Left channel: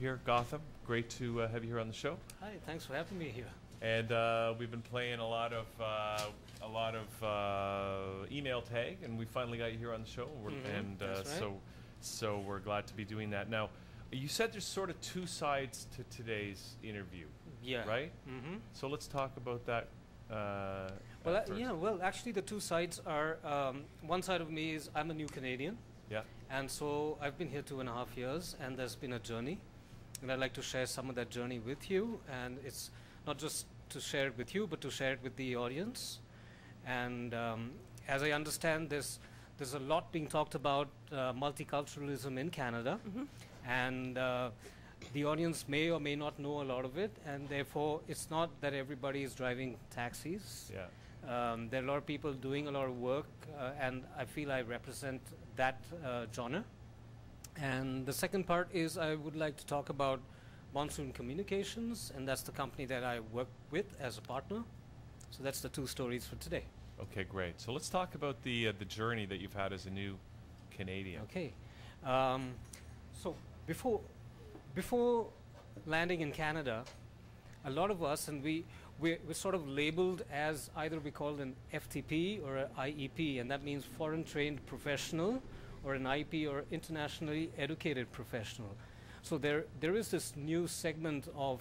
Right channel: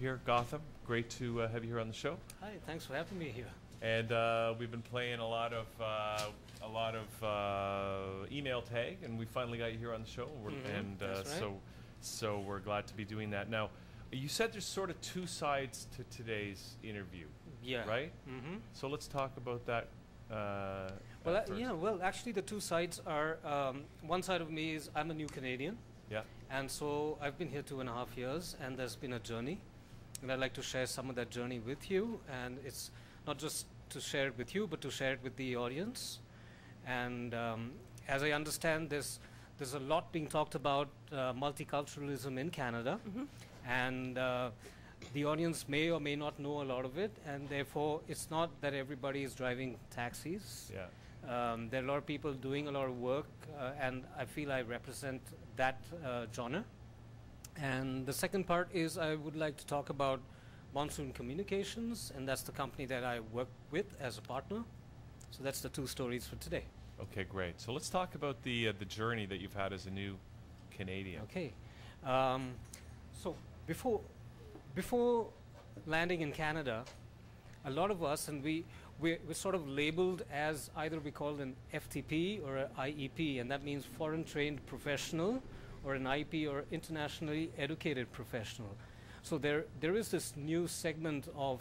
here, Gautam. Great to have you here on the show. Hi, thanks for having me here. And we've been playing a lot of email tag, and we finally got you here on the show. So we're glad to be doing that. Now, you said there's sort of two sides to today's interview. Yeah. Right. So let's talk about that. Well, actually, the two sides are one side of me is I'm a new Canadian. Yeah. And so I've been here 2.5 years, and there's been a journey, and I'd like to share some of that journey with you. And it's not just to share it with you, but to share it with the audience. And as I understand, there's a lot being talked about multiculturalism in Canada, and the audience may or may not know a lot of it, and therefore it's not that everybody is driving taxis. Yeah. There are a lot of people doing a lot of work, and I feel I represent that genre. And the second part is I would like to talk about Monsoon Communications, and that's the company that I work with as a partner. So that's the two stories for today. Okay, great. So let's talk about the journey that you've had as a new Canadian. Okay. So before landing in Canada, a lot of us, and we're sort of labeled as either we called an FTP or an IEP, and that means foreign trained professional, or an IEP or internationally educated professional. So there is this new segment of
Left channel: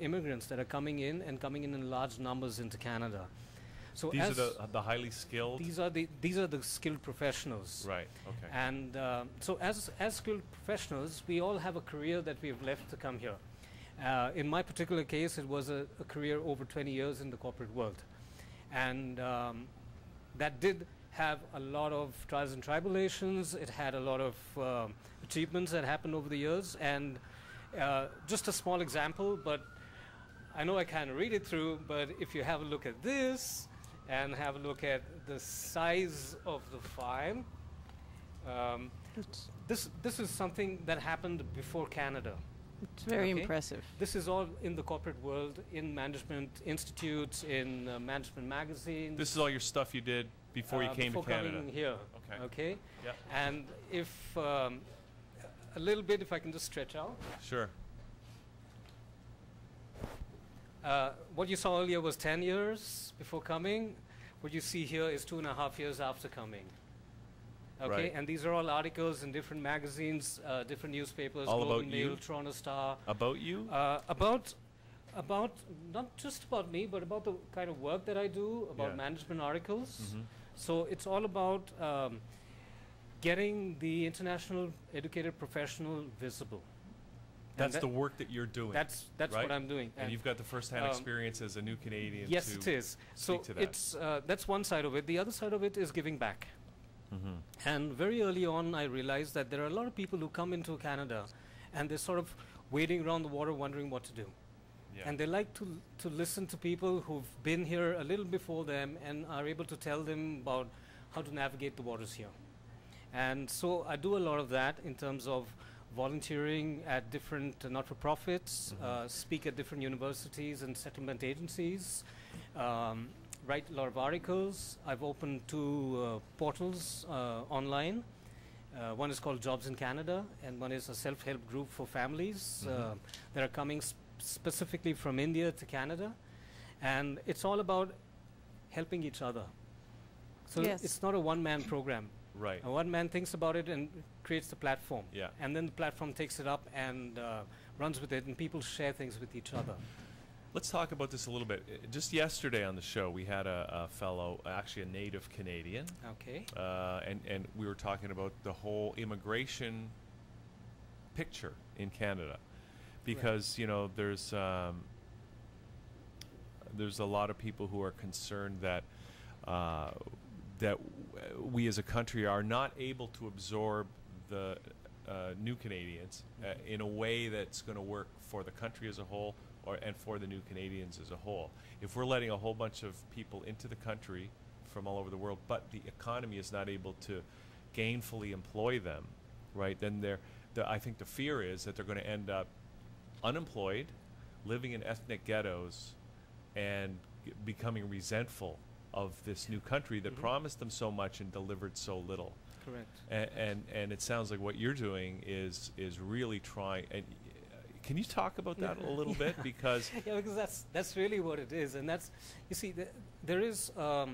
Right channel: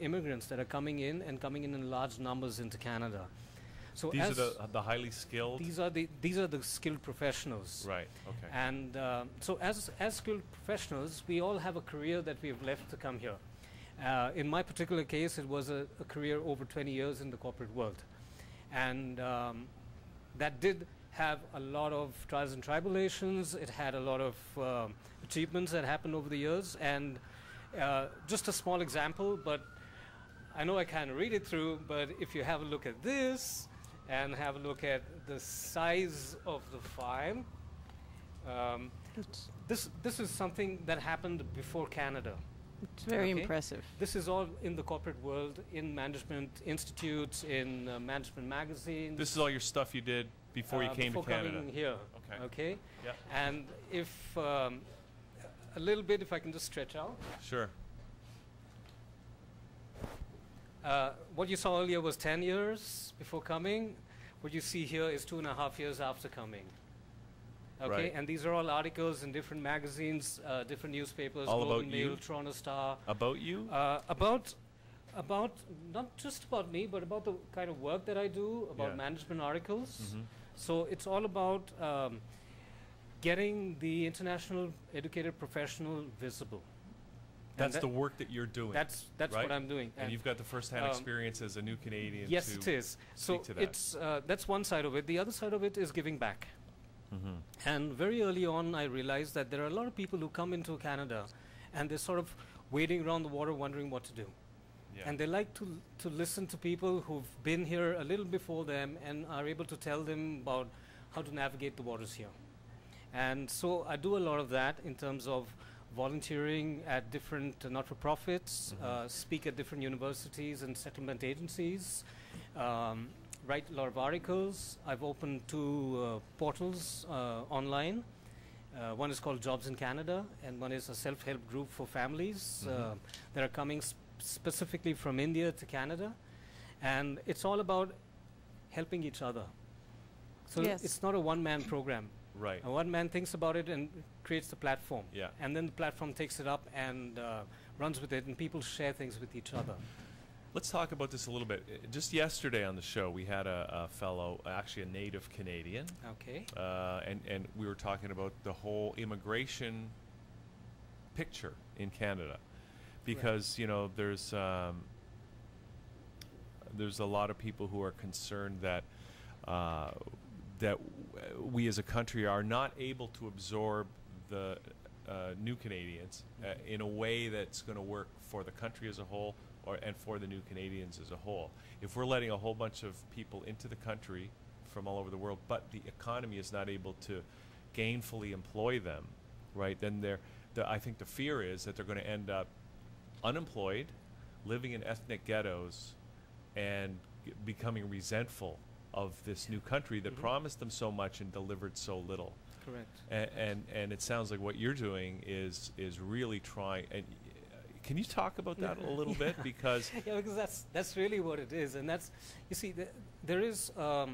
immigrants that are coming in large numbers into Canada. So these are the highly skilled. These are the skilled professionals. Right. Okay. And so as skilled professionals, we all have a career that we've left to come here. In my particular case, it was a career over 20 years in the corporate world, and that did have a lot of trials and tribulations. It had a lot of achievements that happened over the years, and just a small example, but I know I can't read it through, but if you have a look at this and have a look at the size of the file, this is something that happened before Canada. It's very impressive. This is all in the corporate world, in management institutes, in management magazines. This is all your stuff you did before you came to Canada. Coming here. Okay. Okay. Yeah. And if a little bit, if I can just stretch out. Sure. What you saw earlier was 10 years before coming. What you see here is 2.5 years after coming. Okay, right. And these are all articles in different magazines, different newspapers, all Golden about Mail, you? Toronto Star. About you? About not just about me, but about the kind of work that I do, about management articles. So it's all about getting the international educated professional visible. That's the work that you're doing. That's right? what I'm doing. And you've got the first-hand experience as a new Canadian. Yes, it is. So it's that's one side of it. The other side of it is giving back. And very early on, I realized that there are a lot of people who come into Canada, and they're sort of wading around the water, wondering what to do. Yeah. And they like to listen to people who've been here a little before them and are able to tell them about how to navigate the waters here. And so I do a lot of that in terms of volunteering at different not-for-profits, speak at different universities and settlement agencies, write a lot of articles. I've opened 2 portals online. One is called Jobs in Canada, and one is a self-help group for families that are coming specifically from India to Canada. And it's all about helping each other. So it's not a one-man program. Right. A one man thinks about it and creates the platform. Yeah. And then the platform takes it up and runs with it, and people share things with each other. Let's talk about this a little bit. Just yesterday on the show, we had a fellow, actually a native Canadian. Okay. And we were talking about the whole immigration picture in Canada. Because, you know, there's a lot of people who are concerned that we as a country are not able to absorb the new Canadians in a way that's going to work for the country as a whole and for the new Canadians as a whole. If we're letting a whole bunch of people into the country from all over the world, but the economy is not able to gainfully employ them, right, then I think the fear is that they're going to end up unemployed, living in ethnic ghettos, and becoming resentful of this new country that promised them so much and delivered so little. Correct. And it sounds like what you're doing is really trying. And Can you talk about that a little bit? Because that's really what it is, and that's, you see, there is a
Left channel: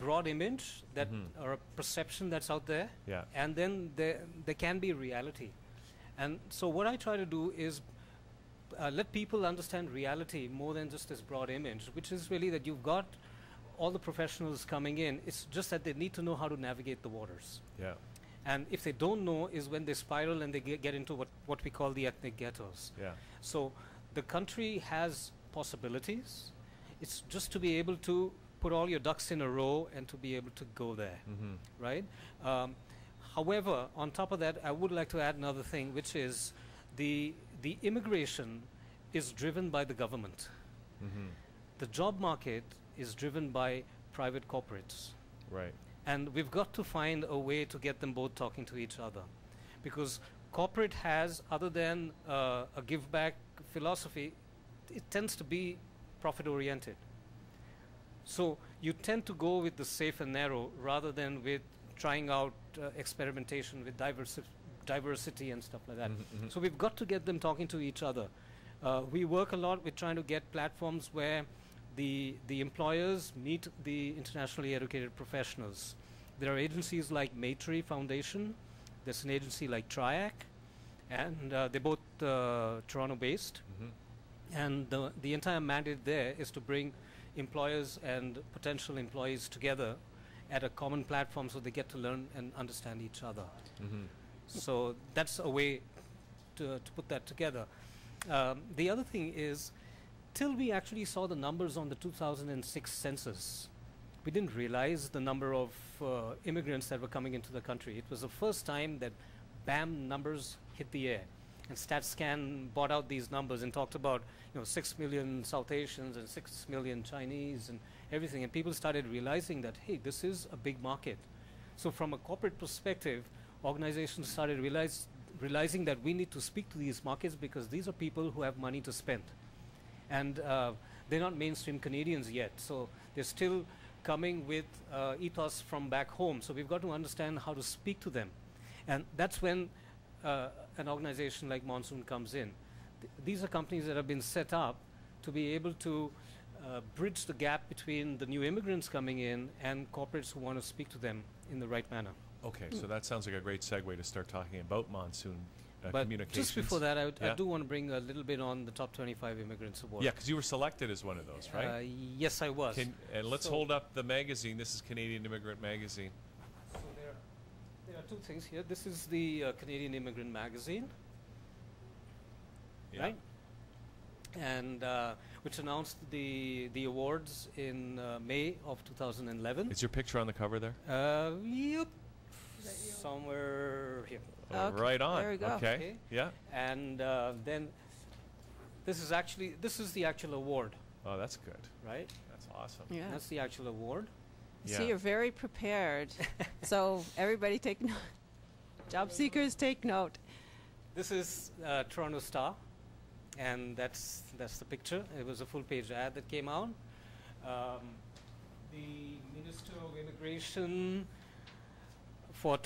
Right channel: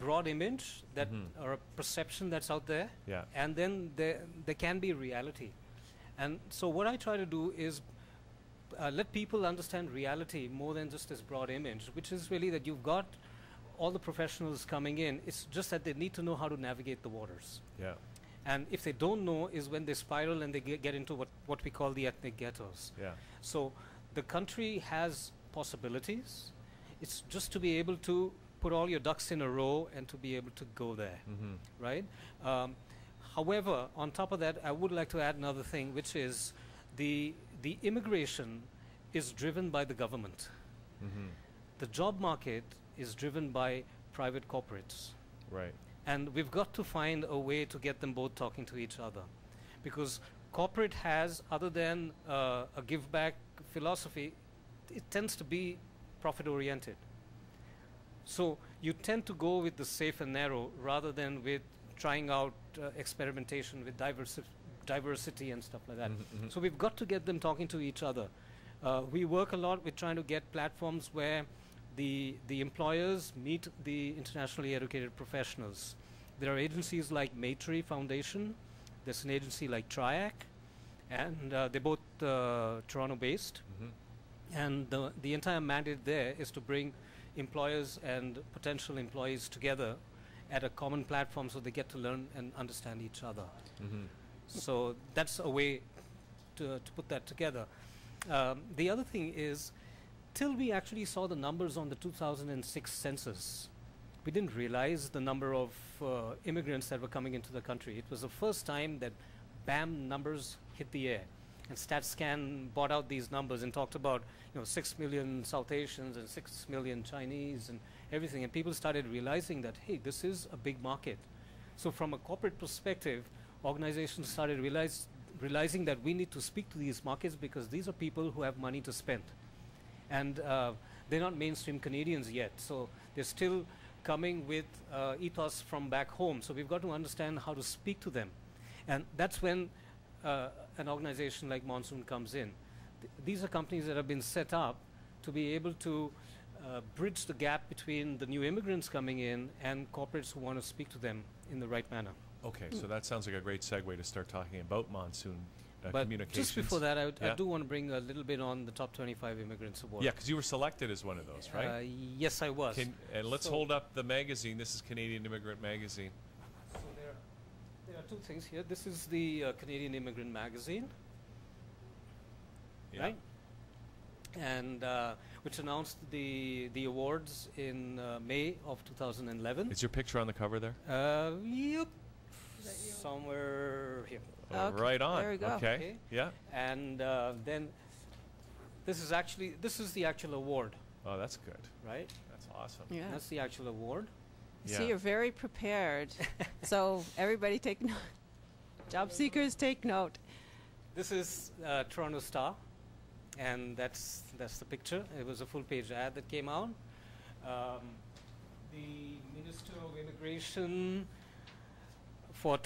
broad image that or a perception that's out there, and then there can be reality, and so what I try to do is let people understand reality more than just this broad image, which is really that you've got all the professionals coming in. It's just that they need to know how to navigate the waters. Yeah. And if they don't know, is when they spiral and they get into what we call the ethnic ghettos. Yeah. So the country has possibilities. It's just to be able to put all your ducks in a row and to be able to go there, right? However, on top of that, I would like to add another thing, which is the immigration is driven by the government. The job market is driven by private corporates. Right. And we've got to find a way to get them both talking to each other. Because corporate has, other than a give back philosophy, it tends to be profit oriented. So you tend to go with the safe and narrow rather than with trying out experimentation with diversity and stuff like that. So we've got to get them talking to each other. We work a lot with trying to get platforms where the employers meet the internationally educated professionals. There are agencies like Maitrey Foundation. There's an agency like TRIAC, and they're both Toronto-based. And the entire mandate there is to bring employers and potential employees together at a common platform so they get to learn and understand each other. So that's a way to put that together. The other thing is, till we actually saw the numbers on the 2006 census, we didn't realize the number of immigrants that were coming into the country. It was the first time that BAM numbers hit the air. And StatScan bought out these numbers and talked about 6 million South Asians and 6 million Chinese and everything. And people started realizing that, hey, this is a big market. So from a corporate perspective, organizations started realizing that we need to speak to these markets because these are people who have money to spend. And they're not mainstream Canadians yet, so they're still coming with ethos from back home. So we've got to understand how to speak to them. And that's when an organization like Monsoon comes in. These are companies that have been set up to be able to bridge the gap between the new immigrants coming in and corporates who want to speak to them in the right manner. Okay, so that sounds like a great segue to start talking about Monsoon. But just before that, I do want to bring a little bit on the Top 25 Immigrants Award. Yeah, because you were selected as one of those, right? Yes, I was. And let's hold up the magazine. This is Canadian Immigrant Magazine. So there are two things here. This is the Canadian Immigrant Magazine, right? And which announced the awards in May of 2011. Is your picture on the cover there? Yep. Somewhere here. Okay. Right on. There we go. Okay. Yeah. And then this is the actual award. Oh, that's good. Right? That's awesome. Yeah. That's the actual award. See, you're very prepared. So everybody take note. Job seekers, take note. This is Toronto Star, and that's the picture. It was a full-page ad that came out. The Minister of Immigration for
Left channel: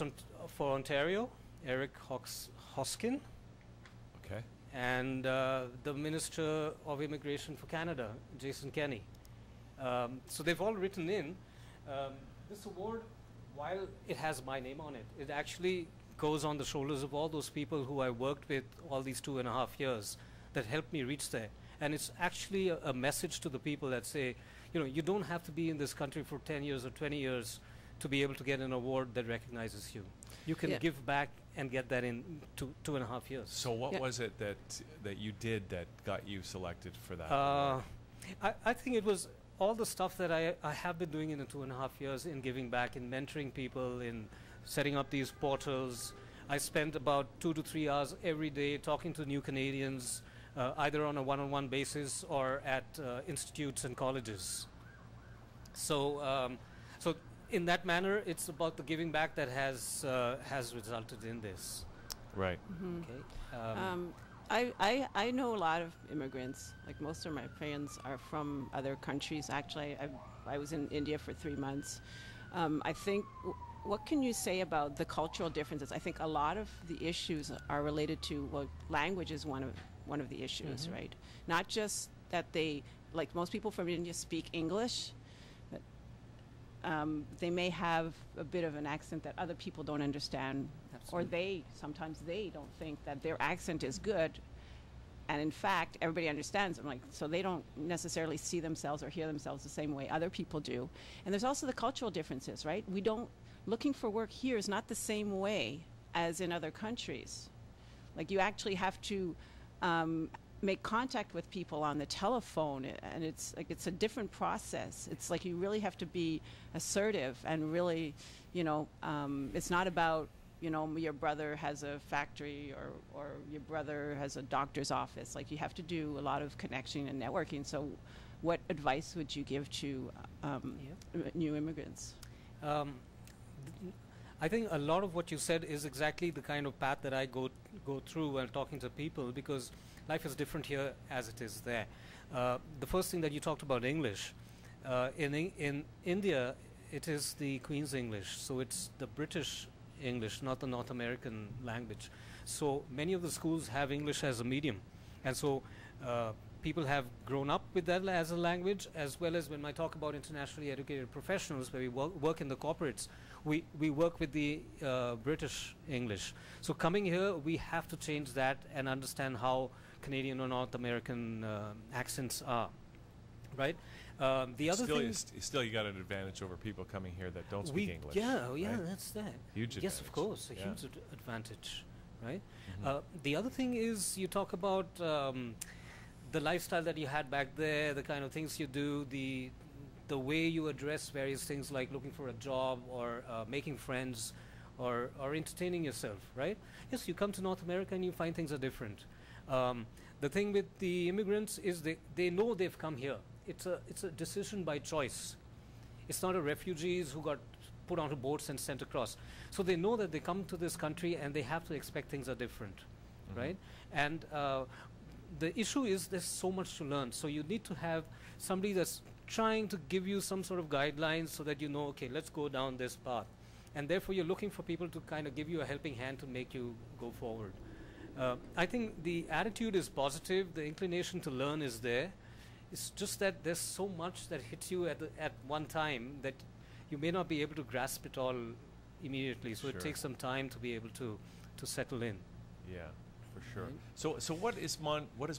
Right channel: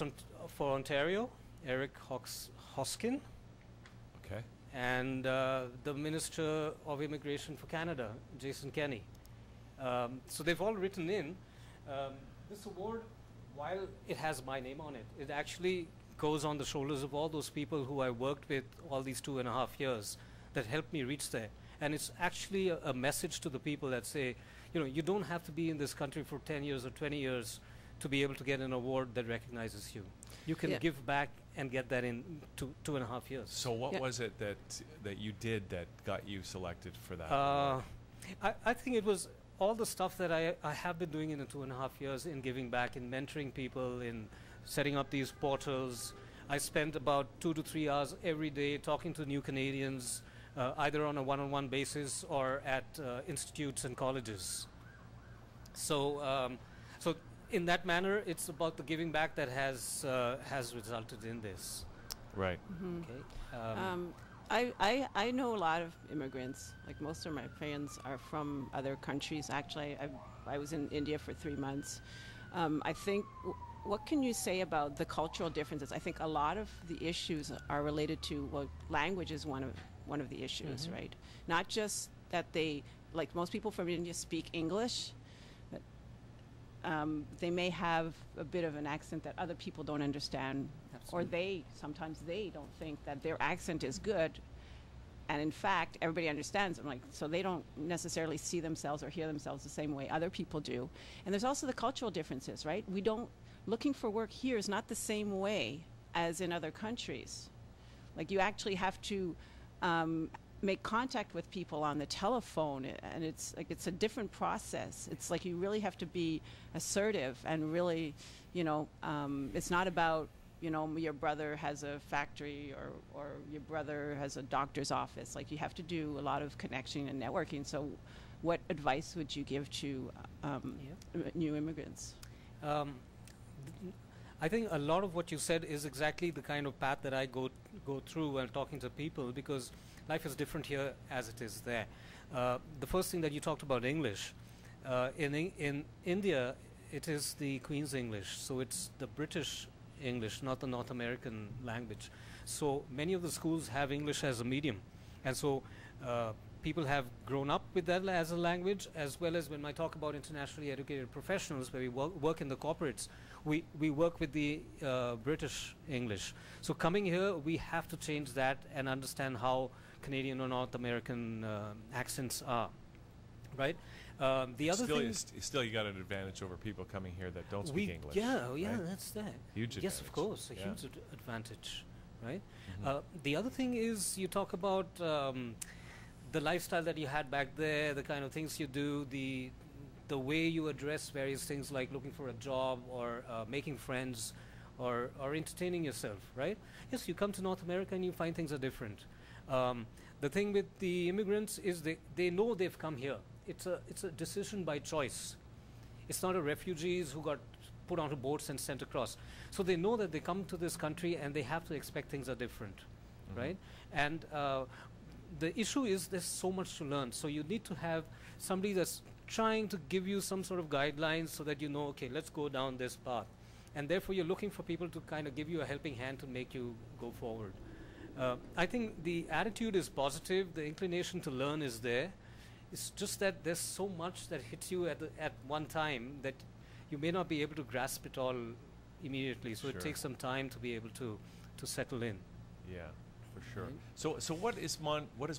Ontario, Eric Hoskin. Okay. And the Minister of Immigration for Canada, Jason Kenney. So they've all written in. This award, while it has my name on it, it actually goes on the shoulders of all those people who I worked with all these 2.5 years that helped me reach there. And it's actually a message to the people that say, you don't have to be in this country for 10 years or 20 years to be able to get an award that recognizes you. You can give back and get that in 2.5 years. So what was it that you did that got you selected for that? I think it was all the stuff that I have been doing in the 2.5 years in giving back, in mentoring people, in setting up these portals. I spent about 2 to 3 hours every day talking to new Canadians, either on a one-on-one basis or at institutes and colleges. So, so in that manner, it's about the giving back that has resulted in this. Right. Okay. I know a lot of immigrants. Like most of my friends are from other countries. Actually, I was in India for 3 months. I think, what can you say about the cultural differences? I think a lot of the issues are related to, well, language is one one of the issues, right? Not just that they, like most people from India speak English, but they may have a bit of an accent that other people don't understand, Absolutely. or sometimes they don't think that their accent is good, and in fact everybody understands them, like, so they don't necessarily see themselves or hear themselves the same way other people do. And there's also the cultural differences, right? Looking for work here is not the same way as in other countries. Like, you actually have to make contact with people on the telephone, and it's a different process. It's like you really have to be assertive and really, it's not about, your brother has a factory or your brother has a doctor's office. Like, you have to do a lot of connection and networking. So what advice would you give to new immigrants? I think a lot of what you said is exactly the kind of path that I go through when talking to people, because life is different here as it is there. The first thing that you talked about, English. In India, it is the Queen's English, so it's the British English, not the North American language. So many of the schools have English as a medium, and so people have grown up with that as a language, as well as when I talk about internationally educated professionals, where we work in the corporates, we work with the British English. So coming here, we have to change that and understand how Canadian or North American accents are, right? The other thing, still you got an advantage over people coming here that don't speak English. Yeah, right? that's that. Huge advantage. Yes, of course, a huge advantage, right? The other thing is, you talk about the lifestyle that you had back there, the kind of things you do, the way you address various things like looking for a job or making friends or entertaining yourself, right? Yes, you come to North America and you find things are different. The thing with the immigrants is they know they've come here. It's a decision by choice. It's not a refugees who got put onto boats and sent across. So they know that they come to this country and they have to expect things are different, right? And the issue is there's so much to learn. So you need to have somebody that's trying to give you some sort of guidelines so that you know, okay, let's go down this path. And therefore you're looking for people to kind of give you a helping hand to make you go forward. I think the attitude is positive. The inclination to learn is there. It's just that there's so much that hits you at one time that you may not be able to grasp it all immediately. So it takes some time to be able to settle in. Yeah, for sure. So what is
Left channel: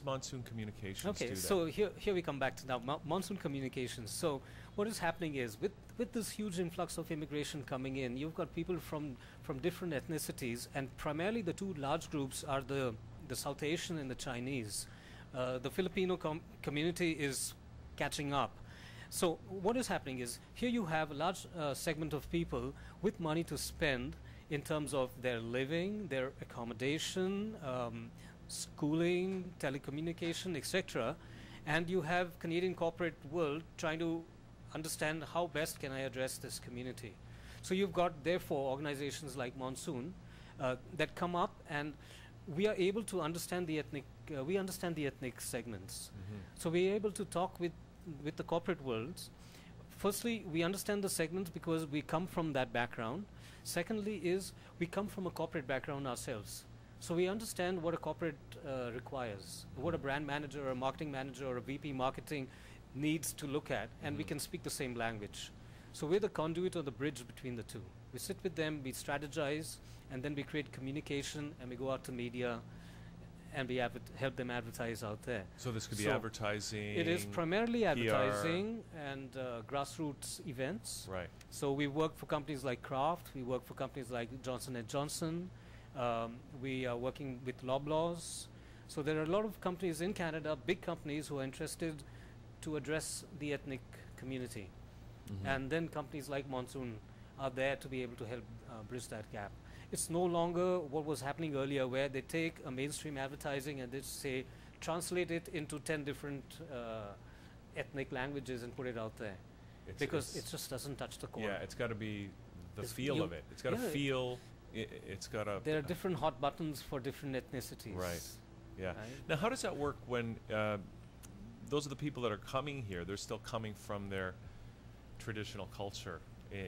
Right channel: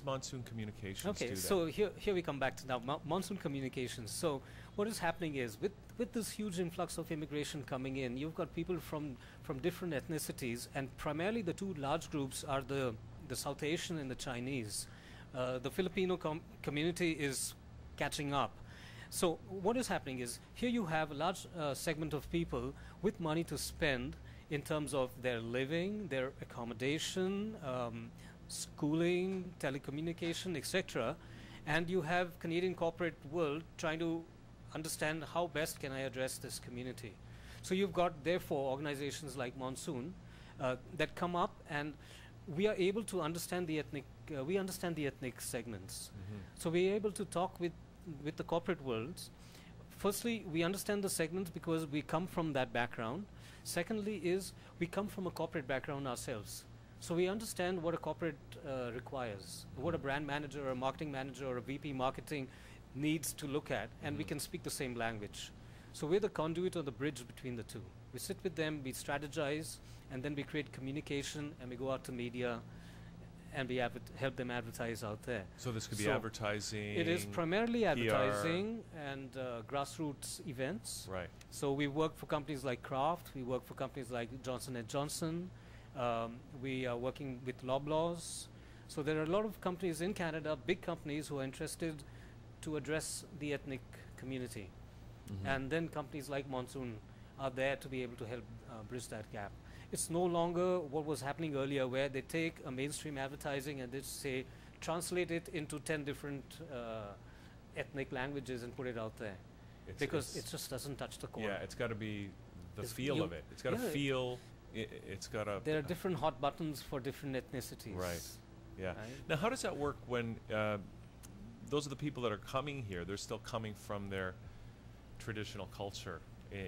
Monsoon Communications? Okay, so here we come back to now Monsoon Communications. So what is happening is with this huge influx of immigration coming in, you've got people from different ethnicities, and primarily the two large groups are the South Asian and the Chinese. The Filipino community is catching up. So what is happening is, here you have a large segment of people with money to spend in terms of their living, their accommodation, schooling, telecommunication, etc. And you have Canadian corporate world trying to understand how best can I address this community. So you've got, therefore, organizations like Monsoon that come up, and we are able to understand the ethnic segments. So we're able to talk with the corporate worlds. Firstly, we understand the segments because we come from that background. Secondly is, we come from a corporate background ourselves. So we understand what a corporate requires, what a brand manager or a marketing manager or a VP marketing needs to look at, and we can speak the same language. So we're the conduit or the bridge between the two. We sit with them, we strategize, and then we create communication, and we go out to media, and we help them advertise out there. So this could be advertising. It is primarily PR. advertising and grassroots events. Right. So we work for companies like Kraft. We work for companies like Johnson & Johnson. We are working with Loblaws. So there are a lot of companies in Canada, big companies, who are interested to address the ethnic community. And then companies like Monsoon are there to be able to help bridge that gap. It's no longer what was happening earlier, where they take a mainstream advertising and they say, translate it into 10 different ethnic languages and put it out there. Because it just doesn't touch the core. Yeah, it's got to be the feel of it. It's got to feel, it's got to... There are different hot buttons for different ethnicities. Right, yeah. Right? Now, how does that work when those are the people that are coming here, they're still coming from their traditional culture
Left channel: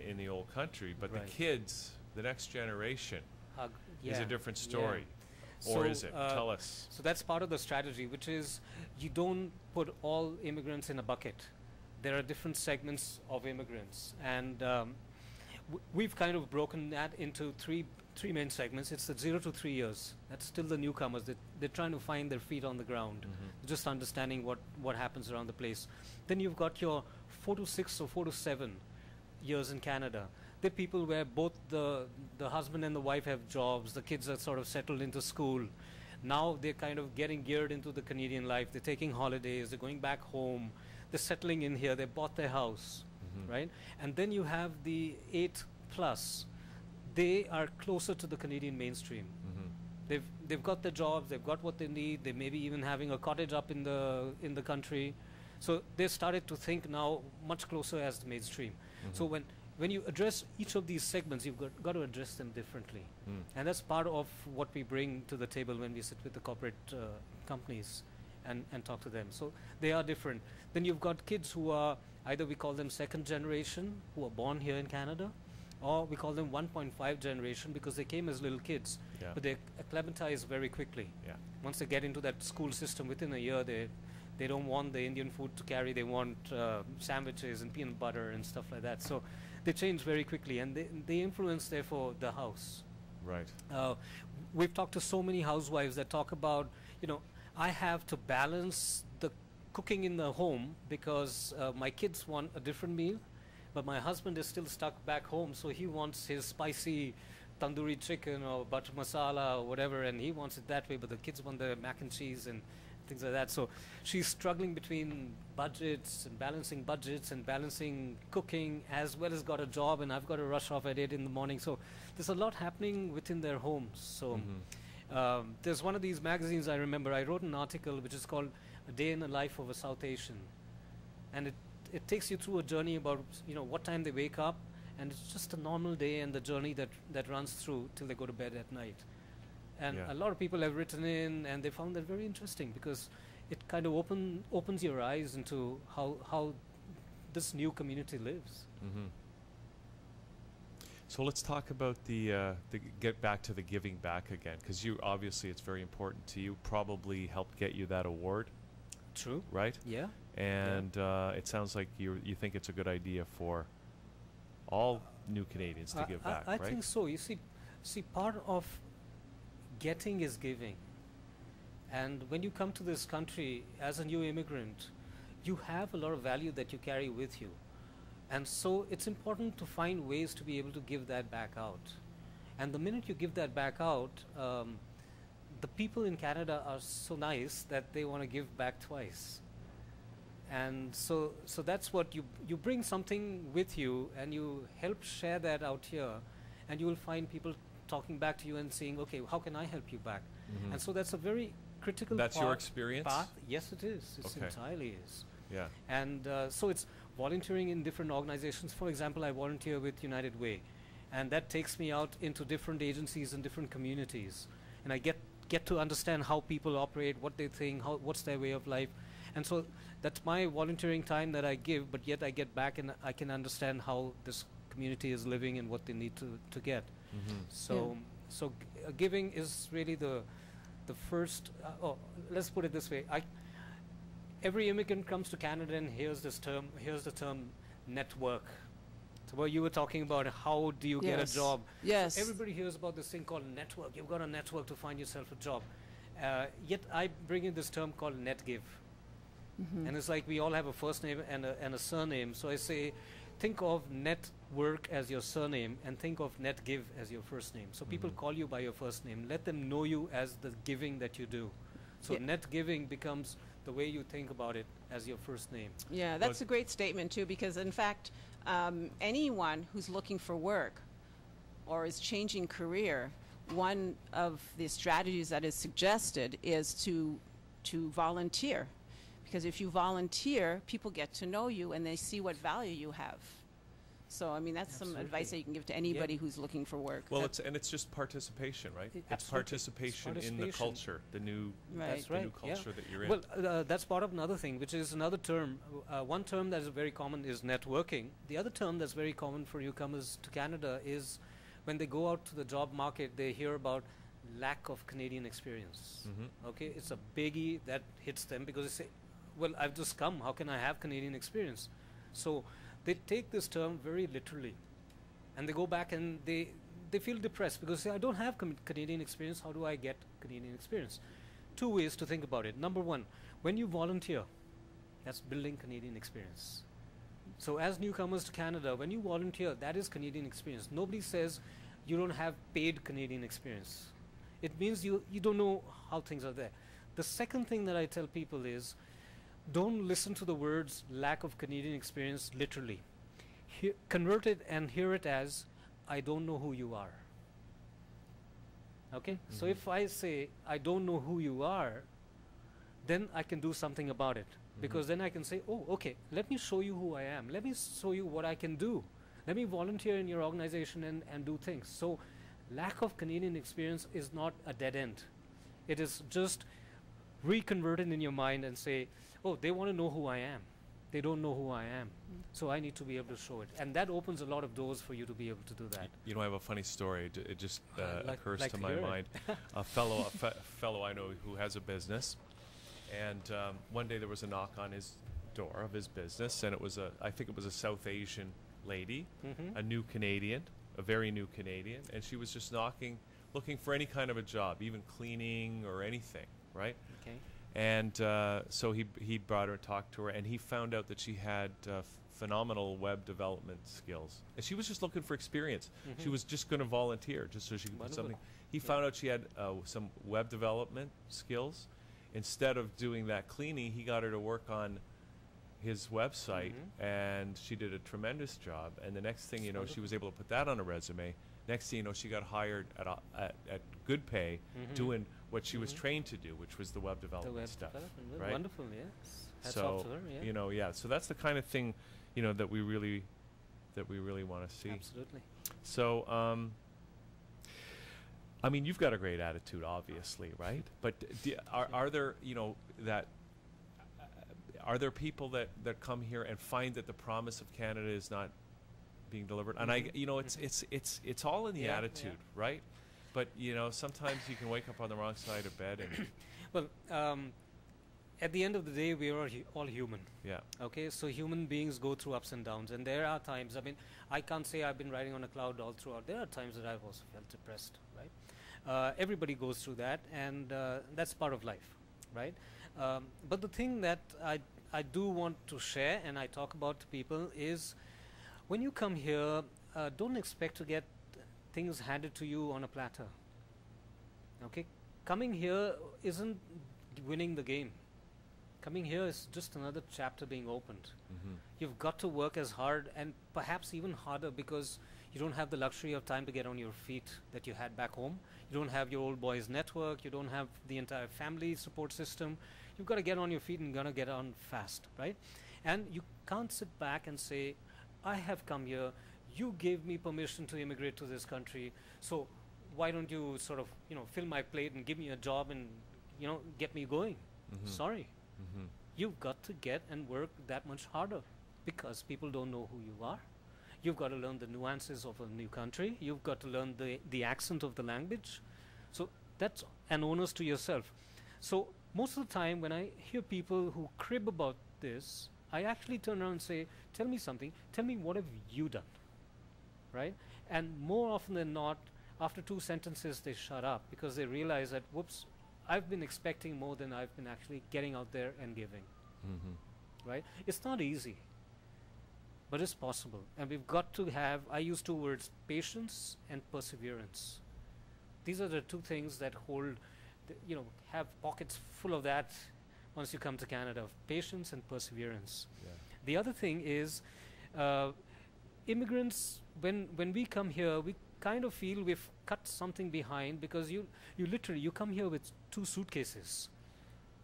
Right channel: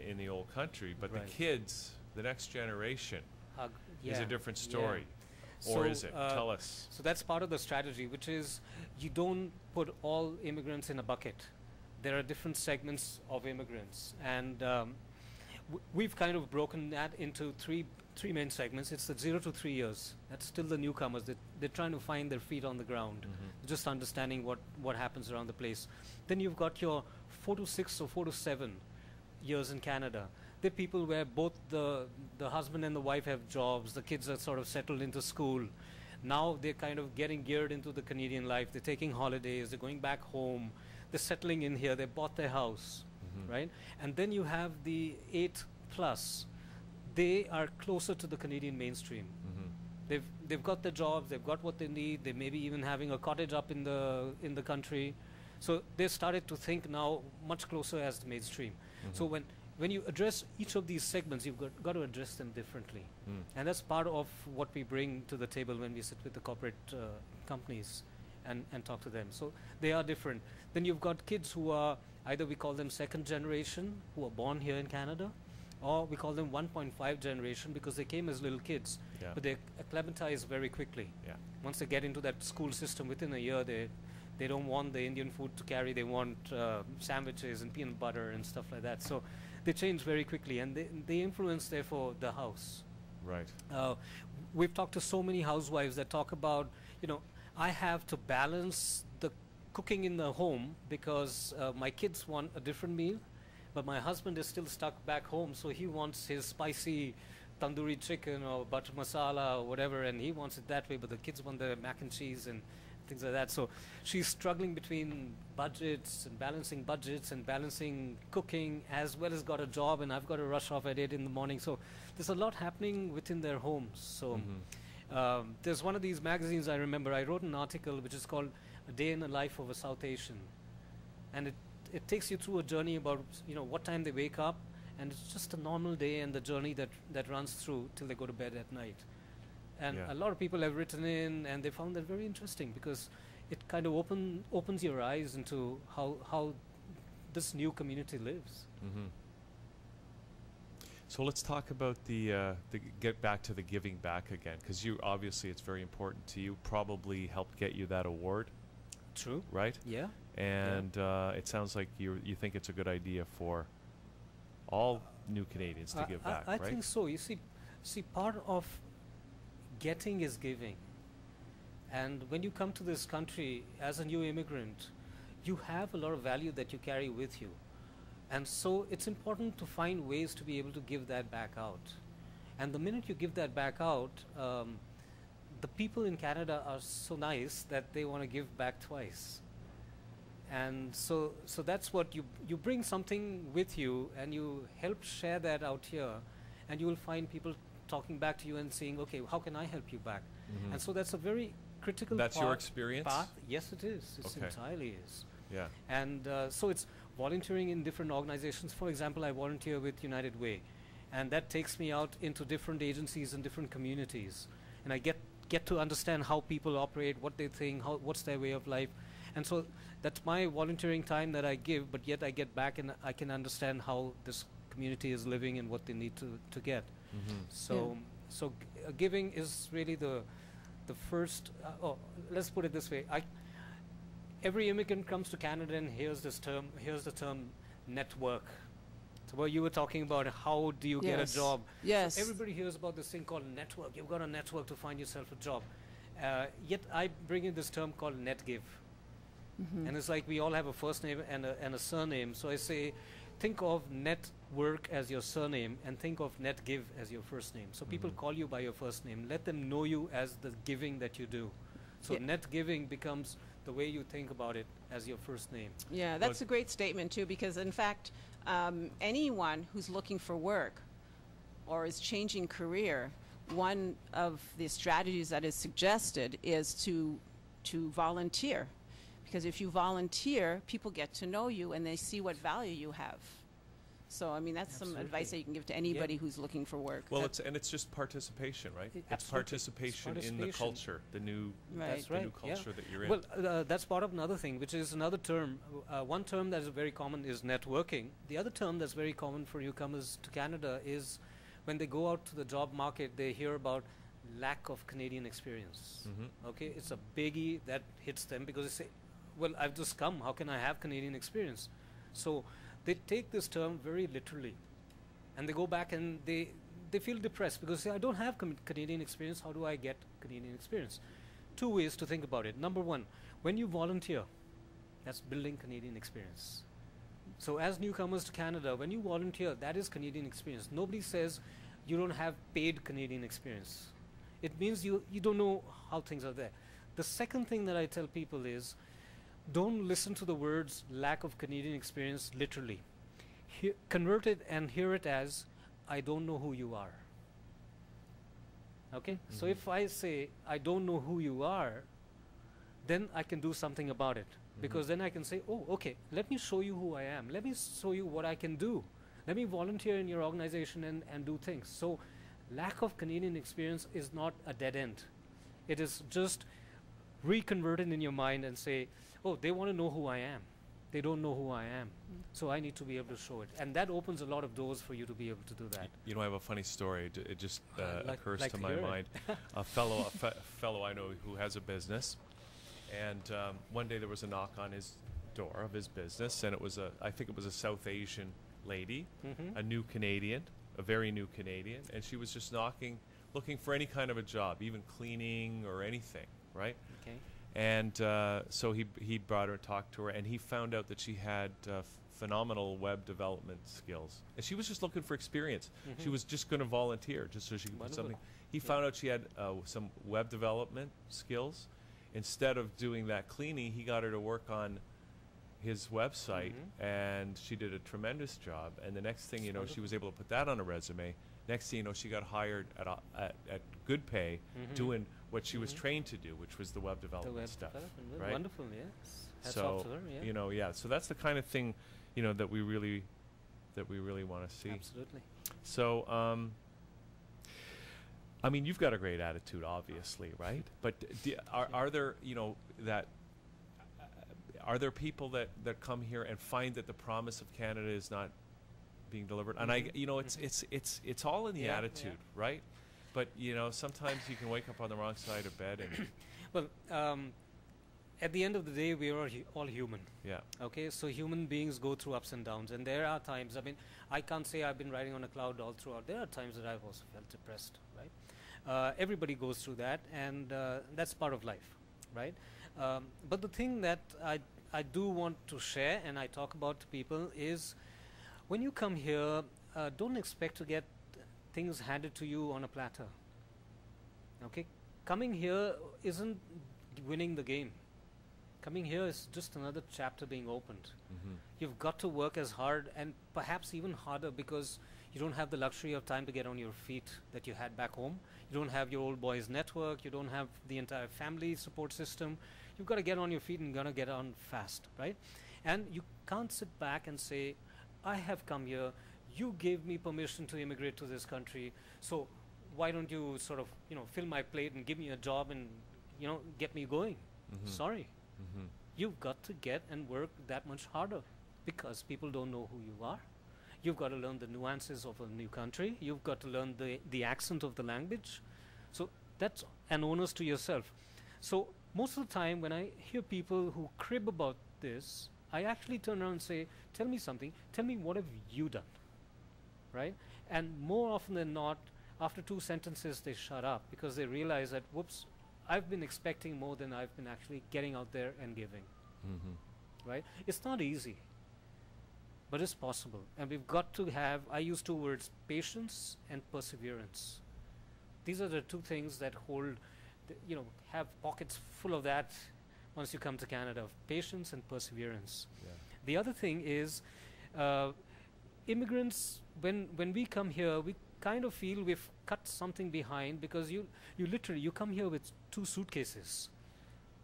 in the old country, but the kids, the next generation, is a different story. Or is it? Tell us. So that's part of the strategy, which is you don't put all immigrants in a bucket. There are different segments of immigrants, and we've kind of broken that into three main segments. It's the 0 to 3 years. That's still the newcomers. They're trying to find their feet on the ground, just understanding what happens around the place. Then you've got your 4 to 6 or 4 to 7 years in Canada. They're people where both the husband and the wife have jobs, the kids are sort of settled into school. Now they're kind of getting geared into the Canadian life. They're taking holidays, they're going back home, they're settling in here, they bought their house, right? And then you have the 8 plus. They are closer to the Canadian mainstream. They've got their jobs, they've got what they need, they may be even having a cottage up in the country. So they started to think now much closer as the mainstream. So when you address each of these segments, you've got to address them differently. And that's part of what we bring to the table when we sit with the corporate companies and talk to them. So they are different. Then you've got kids who are, either we call them second generation, who are born here in Canada, or we call them 1.5 generation because they came as little kids, but they acclimatize very quickly. Once they get into that school system, within a year, they don't want the Indian food to carry, they want sandwiches and peanut butter and stuff like that. So they change very quickly, and they influence, therefore, the house. Right. We've talked to so many housewives that talk about, I have to balance the cooking in the home because my kids want a different meal, but my husband is still stuck back home, so he wants his spicy tandoori chicken or butter masala or whatever, and he wants it that way, but the kids want the mac and cheese and things like that. So she's struggling between budgets and balancing cooking, as well as got a job, and I've got to rush off at 8 in the morning. So there's a lot happening within their homes. So there's one of these magazines I remember, I wrote an article which is called A Day in the Life of a South Asian. And it takes you through a journey about what time they wake up, and it's just a normal day and the journey that runs through till they go to bed at night. And a lot of people have written in, and they found that very interesting because it kind of opens your eyes into how this new community lives. So let's talk about get back to the giving back again, because you obviously it's very important to you. Probably helped get you that award. True. Right. Yeah. And it sounds like you think it's a good idea for all new Canadians to give back. I right? think so. You see, part of getting is giving. And when you come to this country as a new immigrant, you have a lot of value that you carry with you. And so it's important to find ways to be able to give that back out. And the minute you give that back out, the people in Canada are so nice that they want to give back twice. And so that's what you bring something with you, and you help share that out here, and you will find people talking back to you and saying, okay, how can I help you back? And so that's a very critical That's your experience? path. Yes, it is. It entirely is. Yeah. And so it's volunteering in different organizations. For example, I volunteer with United Way, and that takes me out into different agencies and different communities, and I get to understand how people operate, what they think, what's their way of life. And so that's my volunteering time that I give, but yet I get back and I can understand how this community is living and what they need to get. So giving is really the first, let's put it this way. Every immigrant comes to Canada and hears the term network. So what you were talking about, how do you get a job? Yes. So everybody hears about this thing called network. You've got a network to find yourself a job. Yet I bring in this term called netgive. And it's like we all have a first name and a surname. So I say, think of network as your surname and think of netgive as your first name. So people call you by your first name. Let them know you as the giving that you do. So net giving becomes the way you think about it as your first name. Yeah, that's a great statement too, because in fact, anyone who's looking for work or is changing career, one of the strategies that is suggested is to volunteer. Because if you volunteer, people get to know you and they see what value you have. So, I mean, that's some advice that you can give to anybody who's looking for work. Well, it's just participation, right? It's participation in the culture, the new culture that you're in. Well, that's part of another thing, which is another term. One term that is very common is networking. The other term that's very common for newcomers to Canada is when they go out to the job market, they hear about lack of Canadian experience. Okay, it's a biggie that hits them because they say, well, I've just come, how can I have Canadian experience? So they take this term very literally, and they go back and they feel depressed because they say, I don't have Canadian experience, how do I get Canadian experience? Two ways to think about it. Number one, when you volunteer, that's building Canadian experience. So as newcomers to Canada, when you volunteer, that is Canadian experience. Nobody says you don't have paid Canadian experience. It means you don't know how things are there. The second thing that I tell people is, don't listen to the words lack of Canadian experience literally. Convert it and hear it as, I don't know who you are. Okay? So if I say, I don't know who you are, then I can do something about it. Because then I can say, oh, okay, let me show you who I am. Let me show you what I can do. Let me volunteer in your organization and do things. So lack of Canadian experience is not a dead end. It is just reconverted in your mind and say, oh, they want to know who I am. They don't know who I am. So I need to be able to show it. And that opens a lot of doors for you to be able to do that. You know, I have a funny story. It just occurs to my mind. A fellow I know who has a business. And one day there was a knock on his door of his business, and it was I think it was a South Asian lady, a new Canadian, a very new Canadian, and she was just knocking, looking for any kind of a job, even cleaning or anything, right? Okay. And so he brought her and talked to her, and he found out that she had phenomenal web development skills, and she was just looking for experience. She was just going to volunteer just so she could put something. He found out she had some web development skills. Instead of doing that cleaning, he got her to work on his website, and she did a tremendous job. And the next thing you know, she was able to put that on a resume. Next thing you know, she got hired at good pay, doing what she was trained to do, which was the web development stuff. Right? Wonderful, yes. Hats so off to her, yeah. you know, so that's the kind of thing, you know, that we really want to see. Absolutely. So. I mean, you've got a great attitude, obviously, right? But are there, you know, are there people that come here and find that the promise of Canada is not being delivered? And you know, it's all in the attitude, right? But you know, sometimes you can wake up on the wrong side of bed. And well, at the end of the day, we are all human. Yeah. Okay, so human beings go through ups and downs, and there are times. I mean, I can't say I've been riding on a cloud all throughout. There are times that I've also felt depressed, right? Everybody goes through that, and that's part of life, right? But the thing that I do want to share and I talk about to people is, when you come here, don't expect to get things handed to you on a platter. Okay, coming here isn't winning the game. Coming here is just another chapter being opened. You've got to work as hard and perhaps even harder, because you don't have the luxury of time to get on your feet that you had back home. You don't have your old boys network. You don't have the entire family support system. You've got to get on your feet and gonna get on fast, right? And you can't sit back and say, I have come here, you gave me permission to immigrate to this country, so why don't you sort of, you know, fill my plate and give me a job and, you know, get me going? Sorry. You've got to get and work that much harder, because people don't know who you are. You've got to learn the nuances of a new country. You've got to learn the accent of the language. So that's an onus to yourself. So most of the time when I hear people who crib about this, I actually turn around and say, tell me something. Tell me, what have you done? Right? And more often than not, after 2 sentences, they shut up, because they realize that, whoops, I've been expecting more than I've been actually getting out there and giving. Right? It's not easy, but it's possible. And we've got to have, I use 2 words, patience and perseverance. These are the 2 things that hold, you know, have pockets full of that once you come to Canada, patience and perseverance. Yeah. The other thing is, immigrants, when we come here, we kind of feel we've cut something behind, because you literally, you come here with 2 suitcases.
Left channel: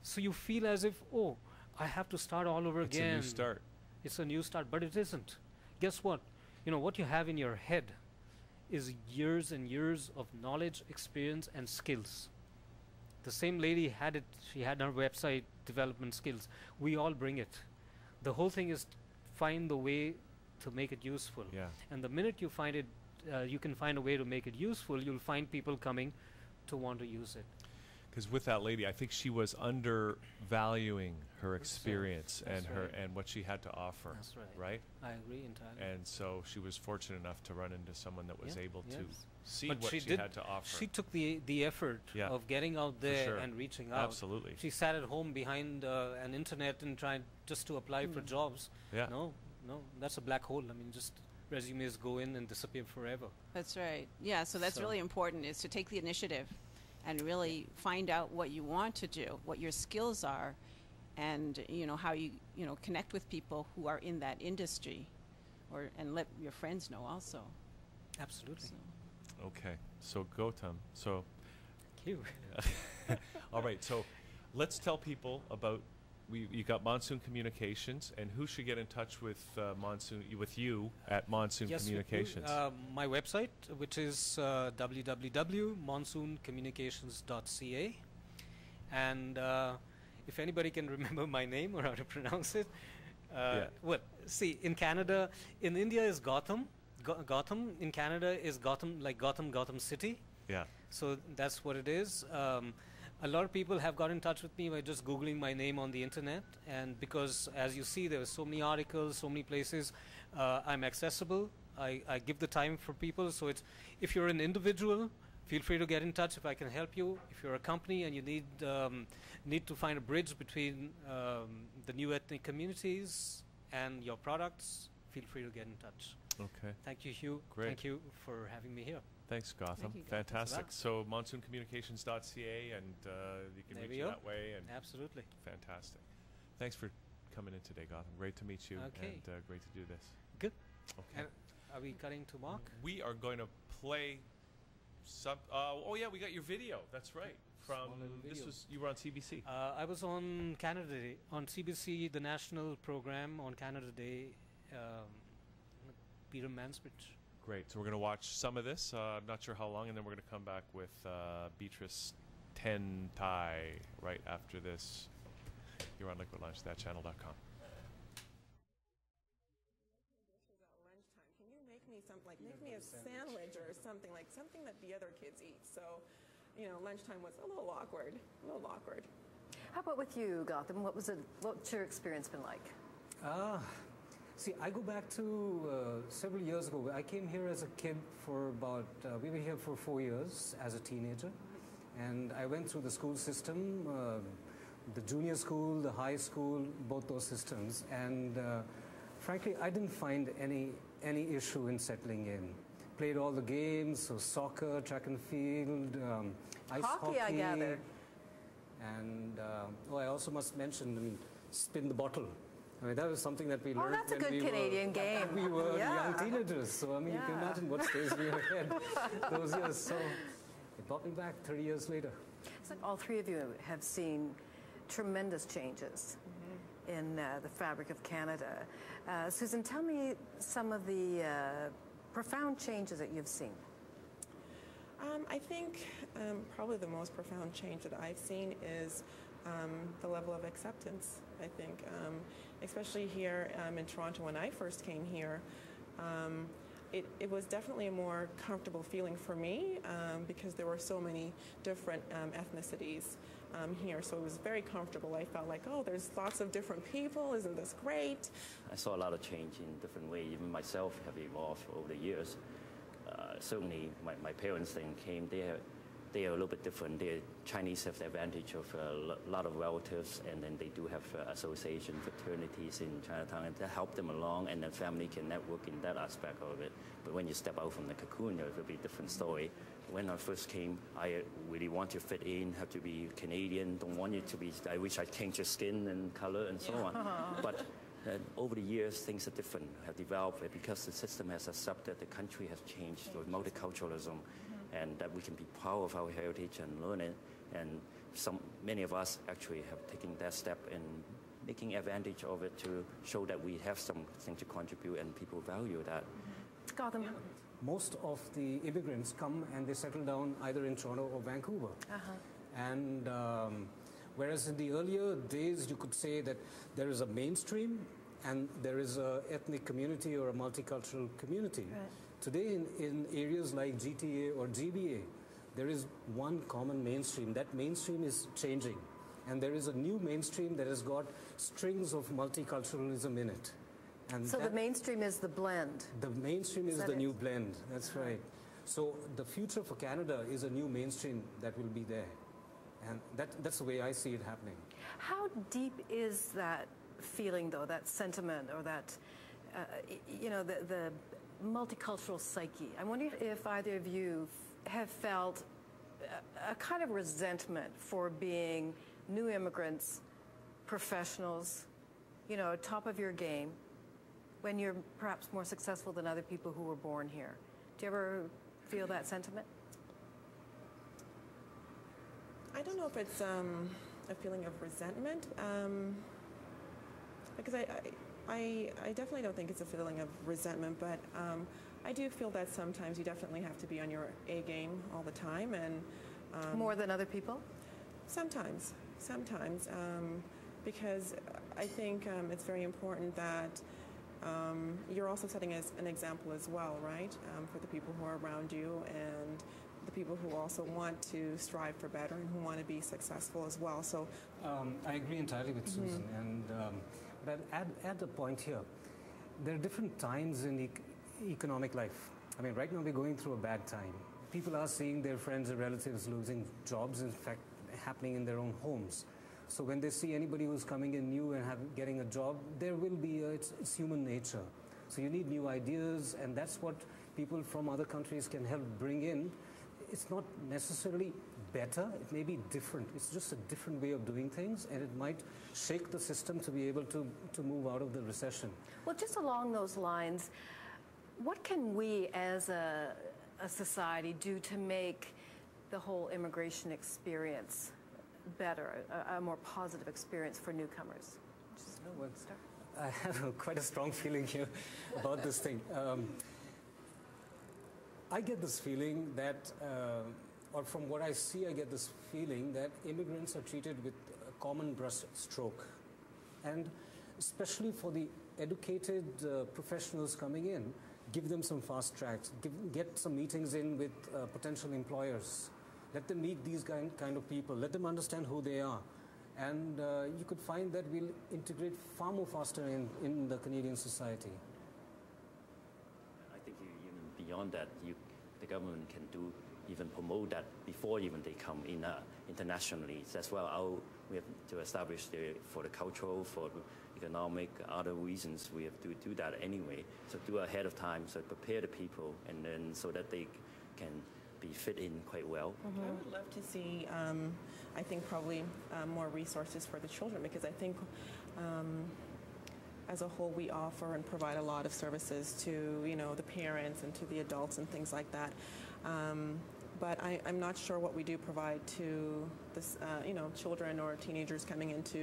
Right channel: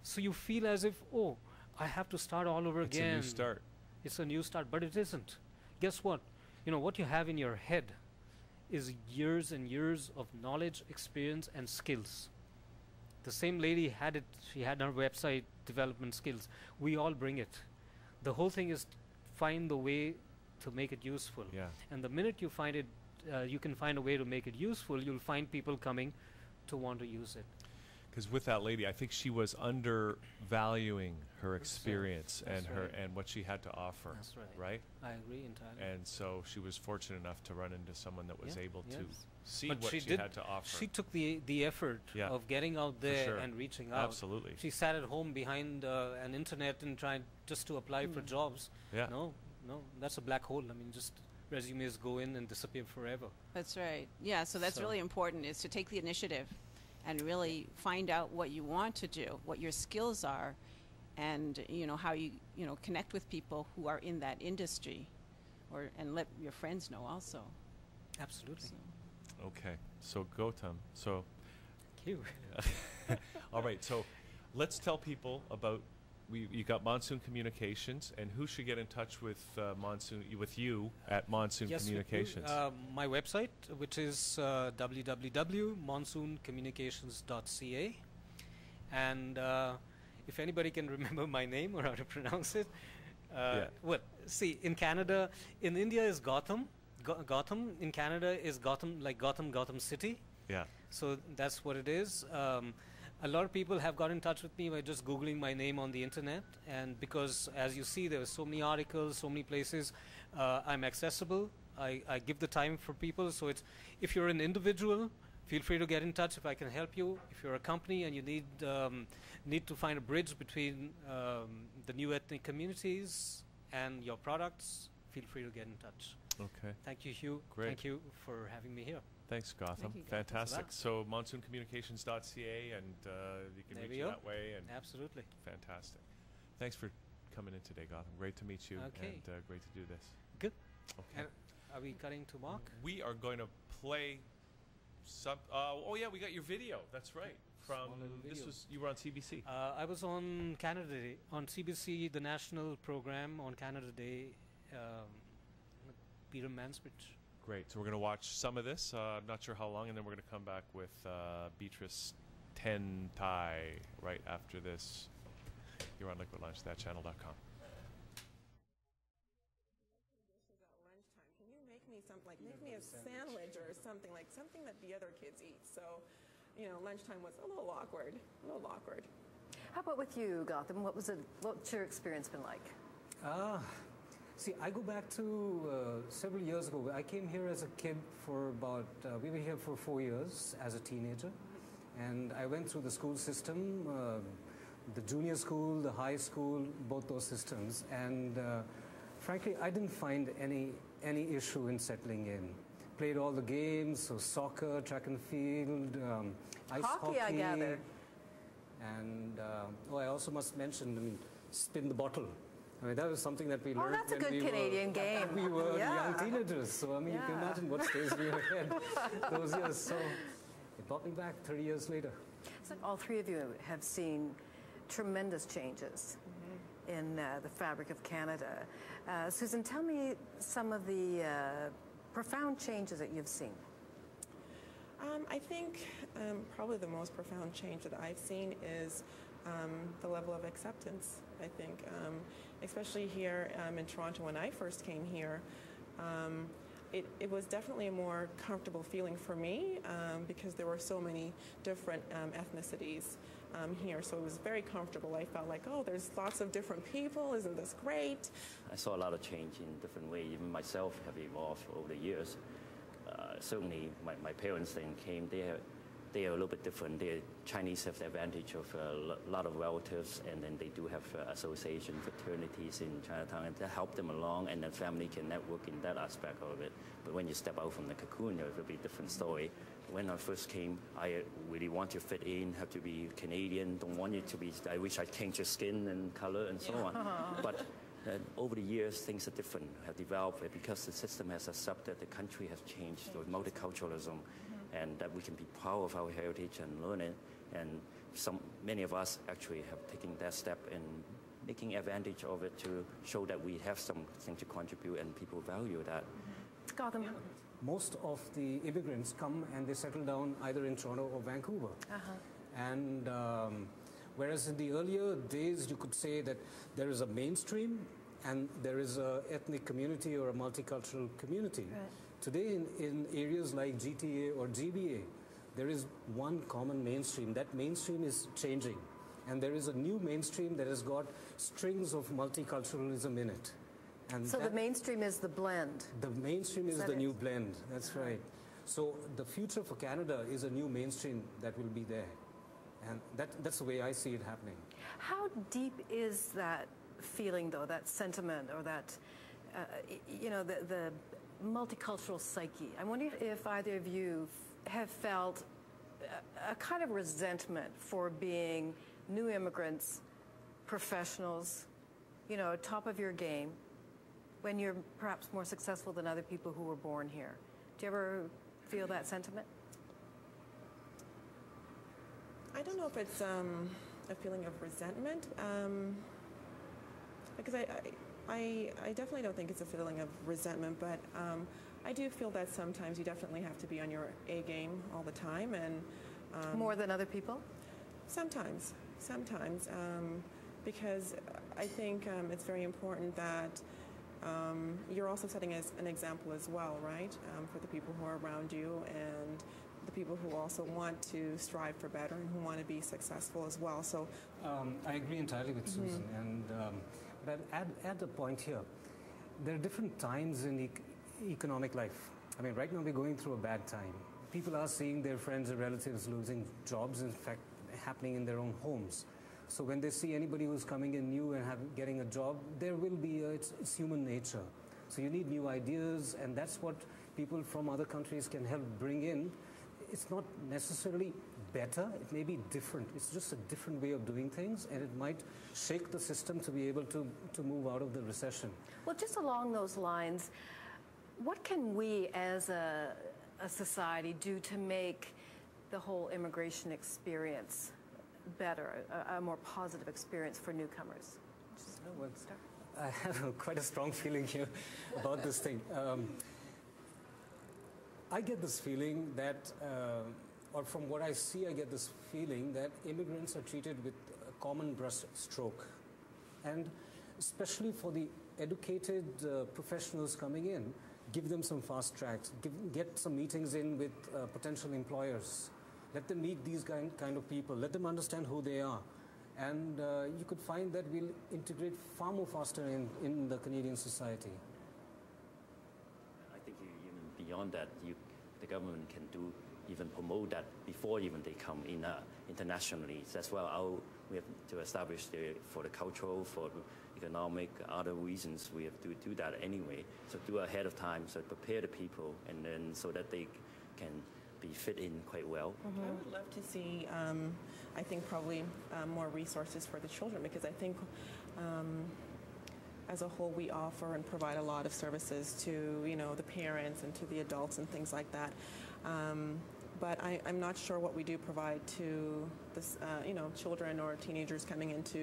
So you feel as if, oh, I have to start all over again. It's a new start. It's a new start, but it isn't. Guess what? You know, what you have in your head is years and years of knowledge, experience, and skills. The same lady had it, she had her website development skills. We all bring it. The whole thing is find the way to make it useful. Yeah. And the minute you find it, you can find a way to make it useful, you'll find people coming to want to use it. Because with that lady, I think she was undervaluing her experience and what she had to offer. That's right. Right? I agree entirely. And so she was fortunate enough to run into someone that was able to see but what she had to offer. She took the effort of getting out there and reaching out. Absolutely. She sat at home behind an internet and tried just to apply for jobs. Yeah. No, that's a black hole. I mean, just resumes go in and disappear forever. That's right. Yeah, so that's really important, is to take the initiative and really find out what you want to do, what your skills are, and how you connect with people who are in that industry, and let your friends know also. Absolutely. So. Okay, so Gautam, thank you. All right, so let's tell people about you got Monsoon Communications, and who should get in touch with you at Monsoon Communications? My website, which is www.monsooncommunications.ca, and if anybody can remember my name or how to pronounce it, well, see, in Canada, in India is Gautam. Gautam in Canada is Gautam, like Gautam City. Yeah. So that's what it is. A lot of people have got in touch with me by just Googling my name on the internet, and because, as you see, there are so many articles, so many places, I'm accessible. I give the time for people, so it's, if you're an individual, feel free to get in touch if I can help you. If you're a company and you need to find a bridge between the new ethnic communities and your products, feel free to get in touch. Okay. Thank you, Hugh. Great. Thank you for having me here. Thanks, Gautam. Thank you, Fantastic. So monsooncommunications.ca, and you can reach you that way. And absolutely. Fantastic. Thanks for coming in today, Gautam. Great to meet you, and great to do this. Good. Okay. And are we cutting to Mark? We are going to play some. Oh yeah, we got your video. That's right. From you were on CBC. I was on Canada Day on CBC, the national program on Canada Day. Peter Mansbridge. Great. So we're going to watch some of this. I'm not sure how long, and then we're going to come back with Beatrice Tentai right after this. You're on Liquid Lunch, ThatChannel.com. Lunchtime. Can you make me something, like make me a sandwich or something that the other kids eat? So, lunchtime was a little awkward. How about with you, Gautam? What's your experience been like? See, I go back to several years ago. I came here as a kid for about, we were here for 4 years as a teenager. And I went through the school system, the junior school, the high school, both those systems. And frankly, I didn't find any issue in settling in. Played all the games, so soccer, track and field, ice hockey, I gather. And I also must mention, spin the bottle. I mean, that was something that we learned. That's a good Canadian game. We were young teenagers, so I mean, you can imagine what stays in your head those years. So it brought me back 30 years later. It's like all three of you have seen tremendous changes in the fabric of Canada. Susan, tell me some of the profound changes that you've seen. I think probably the most profound change that I've seen is the level of acceptance. I think, especially here in Toronto, when I first came here, it was definitely a more comfortable feeling for me because there were so many different ethnicities here. So it was very comfortable. I felt like, oh, there's lots of different people. Isn't this great? I saw a lot of change in different ways. Even myself have evolved over the years. Certainly, my parents then came. They are a little bit different. Chinese have the advantage of a lot of relatives, and then they do have association fraternities in Chinatown, and that help them along, and the family can network in that aspect of it. But when you step out from the cocoon, it will be a different story. When I first came, I really want to fit in, have to be Canadian, don't want you to be, I wish I changed your skin and color and so on. But over the years, things are different, have developed, because the system has accepted, the country has changed with multiculturalism, and that we can be proud of our heritage and learn it. And many of us actually have taken that step in making advantage of it to show that we have something to contribute and people value that. Gautam. Most of the immigrants come and they settle down either in Toronto or Vancouver. And whereas in the earlier days you could say that there is a mainstream and there is a ethnic community or a multicultural community. Right. Today in areas like GTA or GBA, there is one common mainstream. That mainstream is changing. And there is a new mainstream that has got strings of multiculturalism in it. And so the mainstream is the blend. The mainstream is the new blend. That's right. So the future for Canada is a new mainstream that will be there. And that's the way I see it happening. How deep is that feeling, though, that sentiment, or that, the multicultural psyche? I wonder if either of you have felt a kind of resentment for being new immigrants, professionals, top of your game, when you're perhaps more successful than other people who were born here. Do you ever feel that sentiment? I don't know if it's a feeling of resentment, because I definitely don't think it's a feeling of resentment, but I do feel that sometimes you definitely have to be on your A game all the time, and more than other people. Sometimes, because I think it's very important that you're also setting an example as well, right, for the people who are around you and the people who also want to strive for better and who want to be successful as well. So I agree entirely with Susan, and but add a point here. There are different times in economic life. I mean, right now we're going through a bad time. People are seeing their friends and relatives losing jobs, in fact, happening in their own homes. So when they see anybody who's coming in new and getting a job, there will be it's human nature. So you need new ideas, and that's what people from other countries can help bring in. It's not necessarily better, it may be different. It's just a different way of doing things, and it might shake the system to be able to move out of the recession. Well, just along those lines, what can we as a society do to make the whole immigration experience better, a more positive experience for newcomers? I have quite a strong feeling here about this thing. I get this feeling that, or from what I see, I get this feeling that immigrants are treated with a common brush stroke. And especially for the educated professionals coming in, give them some fast tracks, get some meetings in with potential employers. Let them meet these kind of people. Let them understand who they are. And you could find that we'll integrate far more faster in the Canadian society. I think even beyond that, the government can even promote that before even they come in internationally. That's why we have to establish for the cultural, for the economic, other reasons, we have to do that anyway. So do ahead of time, so prepare the people, and then so that they can be fit in quite well. I would love to see, I think probably more resources for the children, because I think as a whole we offer and provide a lot of services to the parents and to the adults and things like that. But I'm not sure what we do provide to this, children or teenagers coming into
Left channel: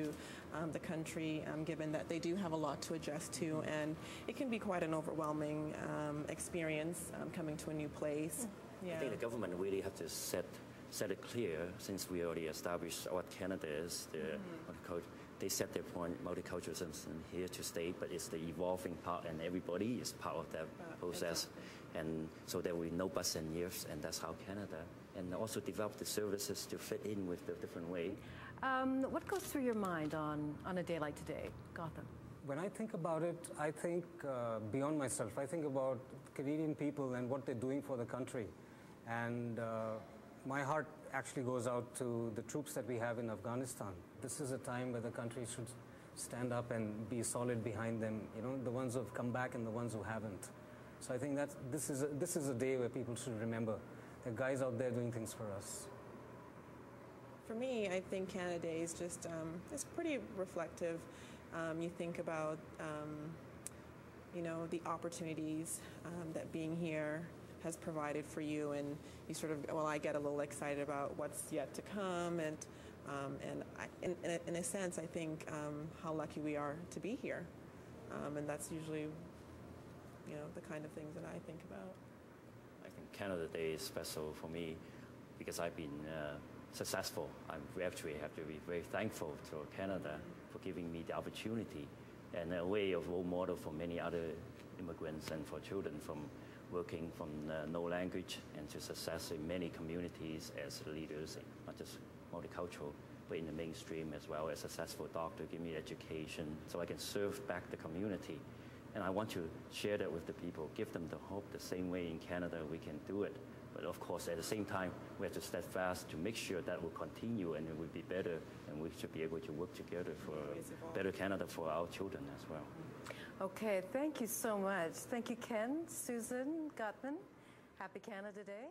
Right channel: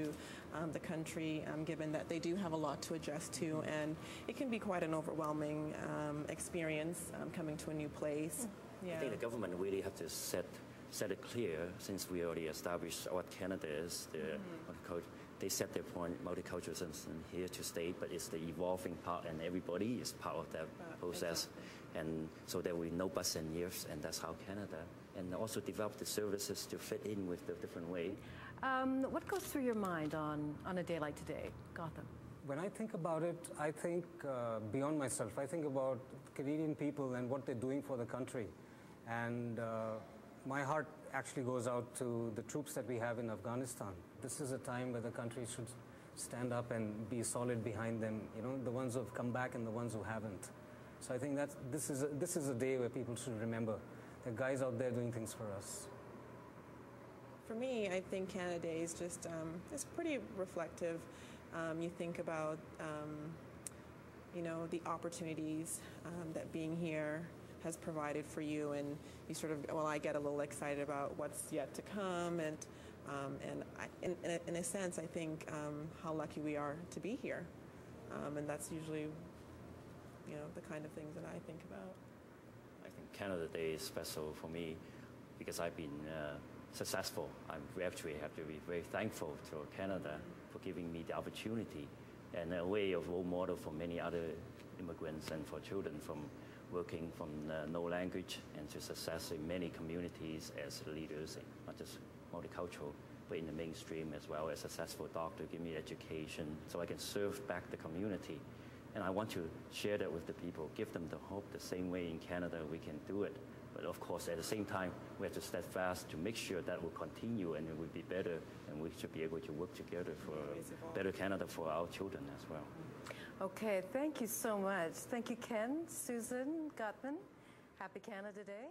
the country, given that they do have a lot to adjust to, and it can be quite an overwhelming experience coming to a new place. Yeah. I think the government really have to set it clear, since we already established what Canada is. They set their point, multiculturalism here to stay, but it's the evolving part, and everybody is part of that process. And so there will be no buts and ifs, and that's how Canada. And also develop the services to fit in with the different way. What goes through your mind on a day like today, Gautam? When I think about it, I think beyond myself. I think about Canadian people and what they're doing for the country. And my heart actually goes out to the troops that we have in Afghanistan. This is a time where the country should stand up and be solid behind them, the ones who have come back and the ones who haven't. So I think that this is a day where people should remember the guys out there doing things for us. For me, I think Canada Day is just it's pretty reflective. You think about the opportunities that being here has provided for you, and you sort of, I get a little excited about what's yet to come, and in a sense, I think how lucky we are to be here, and that's usually the kind of things that I think about. I think Canada Day is special for me because I've been successful. We actually have to be very thankful to Canada for giving me the opportunity and a way of role model for many other immigrants and for children from working from no language and to success in many communities as leaders, not just multicultural, but in the mainstream as well as a successful doctor, give me education so I can serve back the community. And I want to share that with the people, give them the hope the same way in Canada we can do it. But of course, at the same time, we have to step fast to make sure that will continue and it will be better, and we should be able to work together for a better Canada for our children as well. Okay, thank you so much. Thank you, Ken, Susan, Gautam. Happy Canada Day.